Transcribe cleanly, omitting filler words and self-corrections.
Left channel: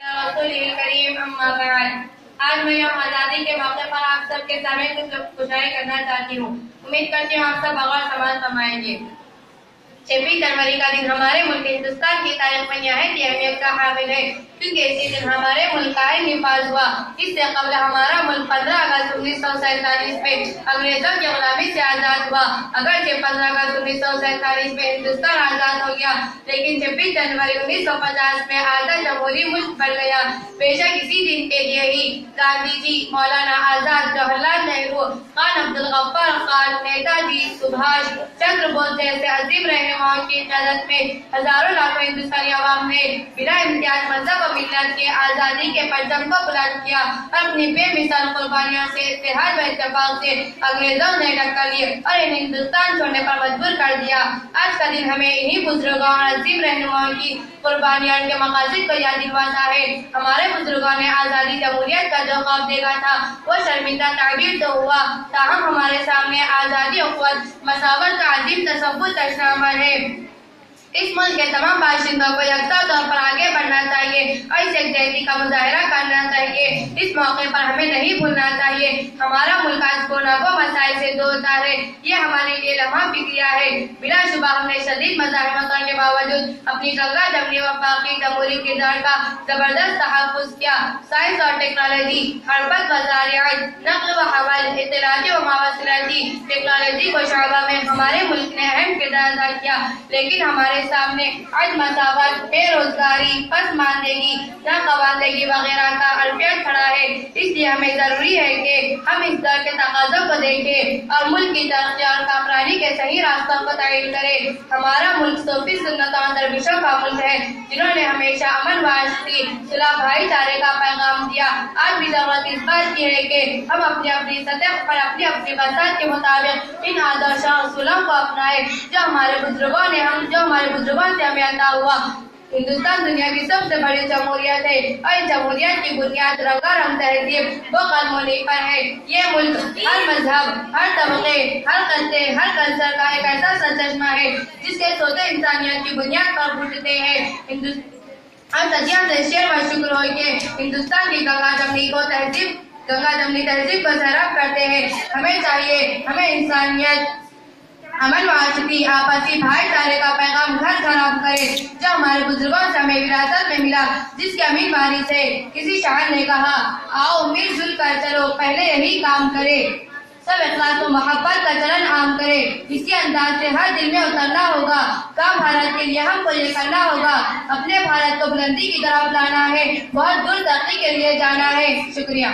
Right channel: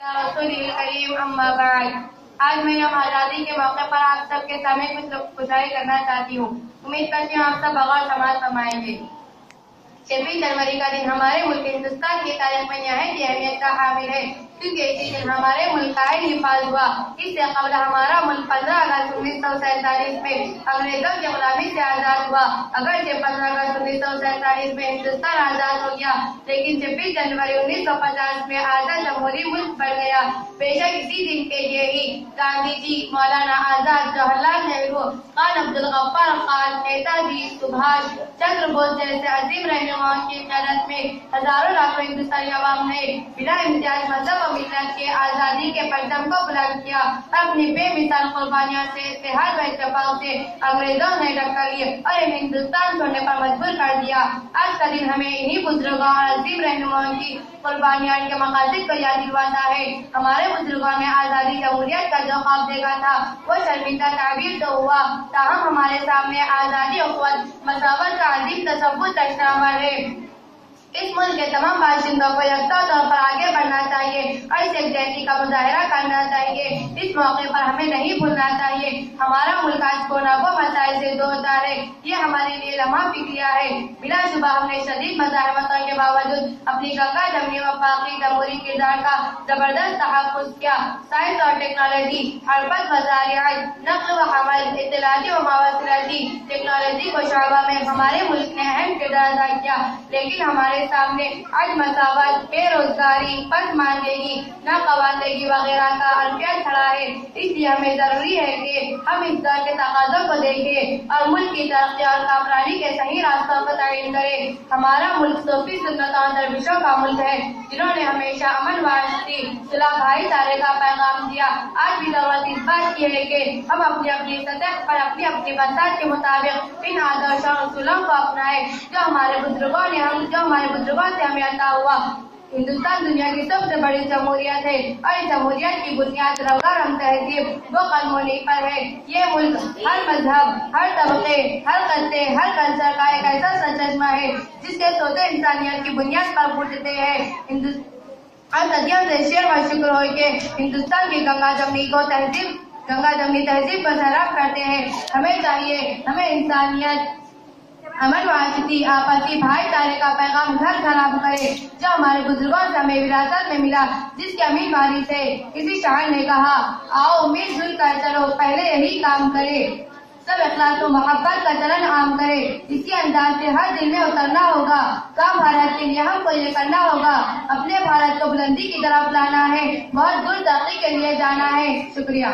रसूल करीम अम्मा बाद। आज मैं यौम आज़ादी के मौके पर आप सबके सामने कुछ गुजारिश करना चाहती हूँ। उम्मीद करती हूँ आप सब बगौर समाज फरमाएंगे। 26 जनवरी का दिन हमारे मुल्क हिंदुस्तान की तारीख में निहायत अहमियत का हामिल है, क्योंकि इसी दिन हमारे मुल्क का हिफाज हुआ। इससे कबल हमारा मुल्क 15 अगस्त 1947 में अंग्रेजों की गुलामी से आजाद हुआ। अगरचे 15 अगस्त 1947 में हिंदुस्तान आजाद हो गया, लेकिन 26 जनवरी 1950 में आजाद जमहूरी मुल्क बन गया। बेशक इसी दिन के लिए ही गांधी जी, मौलाना आजाद, जवाहरलाल नेहरू, खान अब्दुल गफ्फार खान, नेताजी सुभाष चंद्र बोस जैसे अजीम रहनुमाओं की क़यादत में हजारों लाखों हिंदुस्तानी अवाम ने बिना इम्तियाज मजहब और मिल्लत के आजादी के परचम को बुलंद किया और अपनी बेमिसाल कुर्बानियों से इत्तेहाद व इत्तेफाक से अंग्रेजों ने टक्कर ली और इन्हें हिंदुस्तान छोड़ने पर मजबूर कर दिया। आज का दिन हमें इन्हीं बुजुर्गों और अजीम रहनुमाओं की कुर्बानियां के मकासद को याद दिलवाता है। हमारे बुजुर्गों ने आजादी जमहूरियत का जो ख्वाब देखा था वो शर्मिंदा ताबीर तो हुआ, ताहम हमारे सामने आजादी और मसावत का अजीम तसव्वुर चश्मा है। इस मुल्क के तमाम बाशिंदों को यकसा तौर पर आगे बढ़ना चाहिए और इस यकजहती का मुजाहिरा करना चाहिए। इस मौके पर हमें नहीं भूलना चाहिए हमारा मुल्क आज कोरोना मसाइल से दो चार है। ये हमारे लिए लम्हा फिक्रिया है। बिला शुबा हमने शदीद मज़ाहिमतों के बावजूद अपनी गंगा जमनी वफाकी जमहूरी किरदार का जबरदस्त तहफ़्फ़ुज़ किया। साइंस और टेक्नोलॉजी, हरबत वज़ारियात, नक़्ल व हवाल, इत्तलाती व मवासिलाती टेक्नोलॉजी को शोबा में हमारे मुल्क ने अहम किरदार अदा किया, लेकिन हमारे सामने आज मसावत, बेरोजगारी, पसमानदगी, नाखवानदगी वगैरह का अल्फियत खड़ा है। इसलिए हमें जरूरी है कि हम इस दौर के तकाज़ों को देखें और मुल्क की तरक्की और कामरानी के सही रास्तों को तयन करें। हमारा मुल्क सूफी सुन्नतों और दरविशों का मुल्क है, जिन्होंने हमेशा अमन वाशती, सुलह, भाईचारे का पैगाम दिया। आज भी जरूरत इस बात की है कि हम अपनी अपनी सतह पर अपनी अपनी बसात के मुताबिक इन आदर्शों और उसूलों को अपनाएं जो हमारे बुजुर्गों से हमें अता हुआ। हिंदुस्तान दुनिया की सबसे बड़ी जमहूरियत है और इस जमहूरियत की बुनियाद रंगारंग तहजीब व कलमोनी पर है। ये मुल्क हर मजहब, हर तबके, हर कस्ते, हर कल्चर का एक ऐसा सरचश्मा है जिसके सोते इंसानियत की बुनियाद पर फूटते हैं। और सदियों से शेर व शुक्र हो के हिंदुस्तान की गंगा जमनी तहजीब को सैराब करते हैं। हमें चाहिए, हमें इंसानियत, अमन वाशती, आपसी भाईचारे का पैगाम घर घर आप करे जो हमारे बुजुर्गों से हमें विरासत में मिला, जिसकी अमीर बारी से किसी शायर ने कहा, आओ मिलजुल कर चलो पहले यही काम करे, सब इखलास और मोहब्बत का चलन आम करे। इसी अंदाज से हर दिल में उतरना होगा। काम भारत के लिए हमको ये करना होगा, अपने भारत को बुलंदी की तरफ लाना है, बहुत दूर तरक्की के लिए जाना है। शुक्रिया।